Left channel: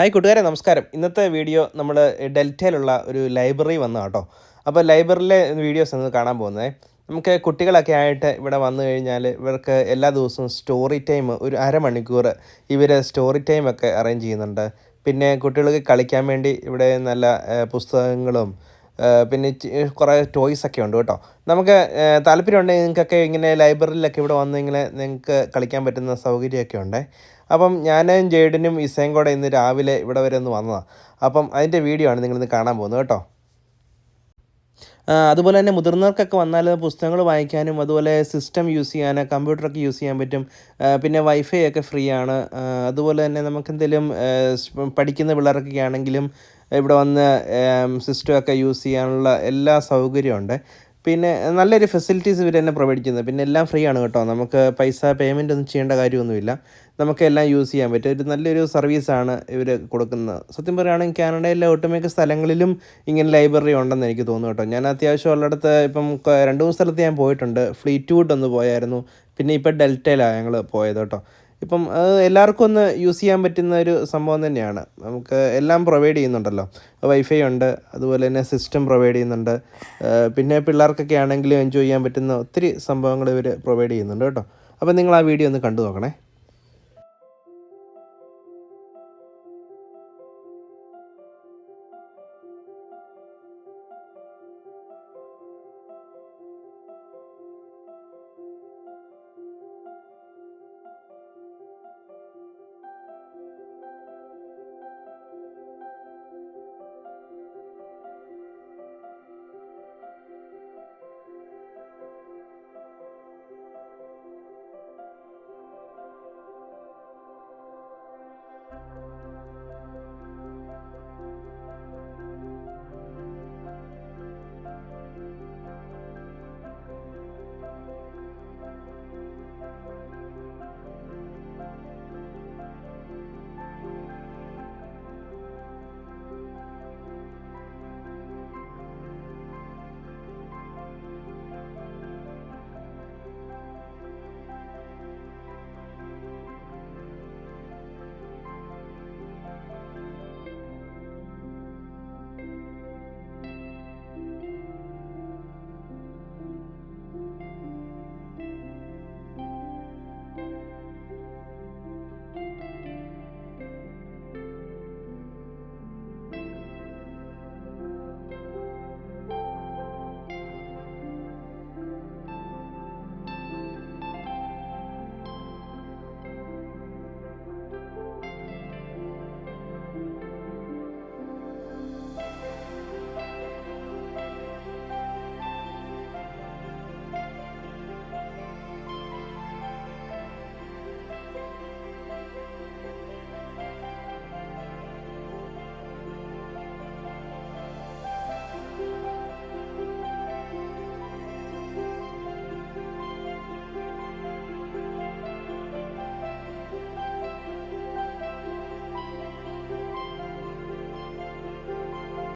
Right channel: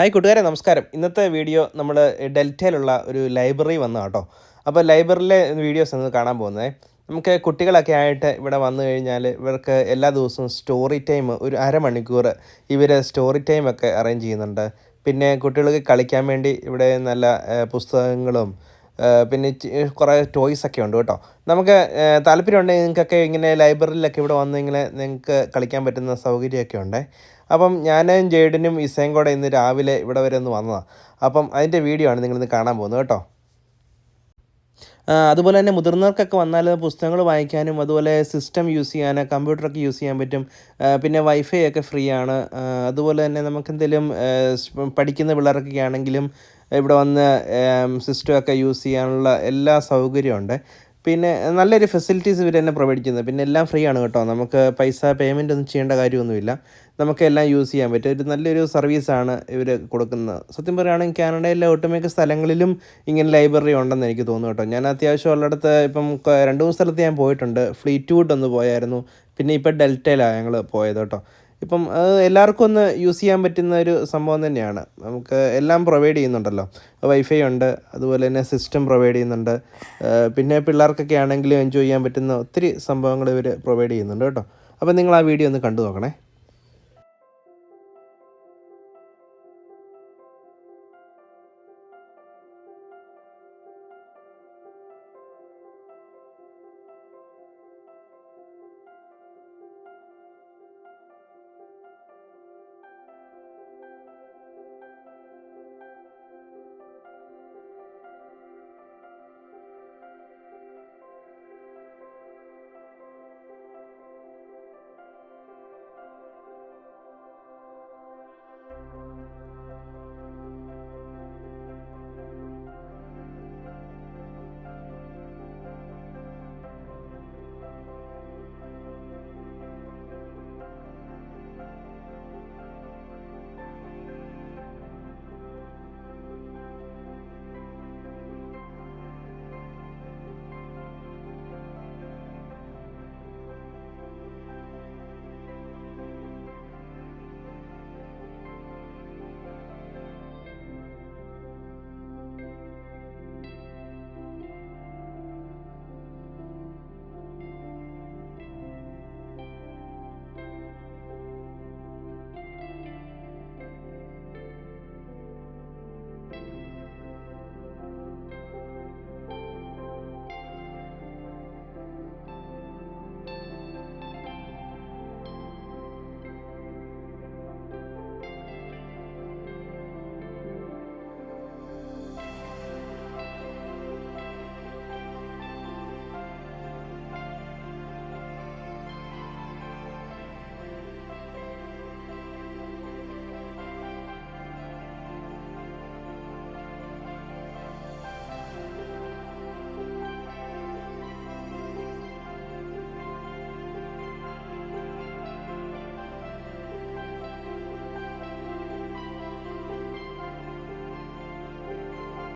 Hi കൂട്ടുകാരെ, നമസ്കാരം. ഇന്നത്തെ വീഡിയോ നമ്മൾ ഡെൽറ്റയിലുള്ള ഒരു ലൈബ്രറി വന്നതാണ് കേട്ടോ. അപ്പോൾ ലൈബ്രറിയിലെ വീഡിയോസ് ഒന്ന് കാണാൻ പോകുന്നത്. നമുക്ക് കുട്ടികളൊക്കെ ആയിട്ട് ഇവിടെ വന്നു കഴിഞ്ഞാൽ ഇവർക്ക് എല്ലാ ദിവസവും സ്റ്റോറി ടൈം ഒരു അരമണിക്കൂർ ഇവർ സ്റ്റോറി ടൈമൊക്കെ അറേഞ്ച് ചെയ്യുന്നുണ്ട്. പിന്നെ കുട്ടികൾക്ക് കളിക്കാൻ വേണ്ടി ഇവിടെ നല്ല പുസ്തകങ്ങളും പിന്നെ കുറേ ടോയ്സൊക്കെ ഉണ്ട് കേട്ടോ. നമുക്ക് താല്പര്യമുണ്ടെങ്കിൽ നിങ്ങൾക്കൊക്കെ ഇങ്ങനെ ലൈബ്രറിയിലൊക്കെ ഇവിടെ വന്ന് ഇങ്ങനെ നിങ്ങൾക്ക് കളിക്കാൻ പറ്റുന്ന സൗകര്യമൊക്കെ ഉണ്ട്. അപ്പം ഞാനും ജെയ്ഡനും ഇസയും കൂടെ ഇന്ന് രാവിലെ ഇവിടെ വരെ ഒന്ന് വന്നതാണ്. അപ്പം അതിൻ്റെ വീഡിയോ ആണ് നിങ്ങളിന്ന് കാണാൻ പോകുന്നത് കേട്ടോ. അതുപോലെ തന്നെ മുതിർന്നവർക്കൊക്കെ വന്നാൽ പുസ്തകങ്ങൾ വായിക്കാനും അതുപോലെ സിസ്റ്റം യൂസ് ചെയ്യാൻ, കമ്പ്യൂട്ടറൊക്കെ യൂസ് ചെയ്യാൻ പറ്റും. പിന്നെ വൈഫൈ ഒക്കെ ഫ്രീ ആണ്. അതുപോലെ തന്നെ നമുക്കെന്തെങ്കിലും പഠിക്കുന്ന പിള്ളേർക്കൊക്കെ ആണെങ്കിലും ഇവിടെ വന്ന് സിസ്റ്റമൊക്കെ യൂസ് ചെയ്യാനുള്ള എല്ലാ സൗകര്യമുണ്ട്. പിന്നെ നല്ലൊരു ഫെസിലിറ്റീസ് ഇവർ തന്നെ പ്രൊവൈഡ് ചെയ്യുന്നത്. പിന്നെ എല്ലാം ഫ്രീ ആണ് കേട്ടോ. നമുക്ക് പൈസ പേയ്മെൻ്റ് ഒന്നും ചെയ്യേണ്ട കാര്യമൊന്നുമില്ല. നമുക്ക് എല്ലാം യൂസ് ചെയ്യാൻ പറ്റും. ഒരു നല്ലൊരു സർവീസാണ് ഇവർ കൊടുക്കുന്നത്. സത്യം പറയുകയാണെങ്കിൽ കാനഡയിലെ ഒട്ടുമിക്ക സ്ഥലങ്ങളിലും ഇങ്ങനെ ലൈബ്രറി ഉണ്ടെന്ന് എനിക്ക് തോന്നുന്നു കേട്ടോ. ഞാൻ അത്യാവശ്യം ഉള്ളിടത്ത് ഇപ്പം 2-3 സ്ഥലത്ത് ഞാൻ പോയിട്ടുണ്ട്. ഫ്ലീറ്റ്വുഡ് ഒന്ന് പോയായിരുന്നു. പിന്നെ ഇപ്പോൾ ഡെൽറ്റയിലാണ് ഞങ്ങൾ പോയത് കേട്ടോ. ഇപ്പം എല്ലാവർക്കും ഒന്ന് യൂസ് ചെയ്യാൻ പറ്റുന്ന ഒരു സംഭവം തന്നെയാണ്. നമുക്ക് എല്ലാം പ്രൊവൈഡ് ചെയ്യുന്നുണ്ടല്ലോ. വൈഫൈ ഉണ്ട്, അതുപോലെ തന്നെ സിസ്റ്റം പ്രൊവൈഡ് ചെയ്യുന്നുണ്ട്. പിന്നെ പിള്ളേർക്കൊക്കെ ആണെങ്കിലും എൻജോയ് ചെയ്യാൻ പറ്റുന്ന ഒത്തിരി സംഭവങ്ങൾ ഇവർ പ്രൊവൈഡ് ചെയ്യുന്നുണ്ട് കേട്ടോ. അപ്പോൾ നിങ്ങൾ ആ വീഡിയോ ഒന്ന് കണ്ടു നോക്കണേ.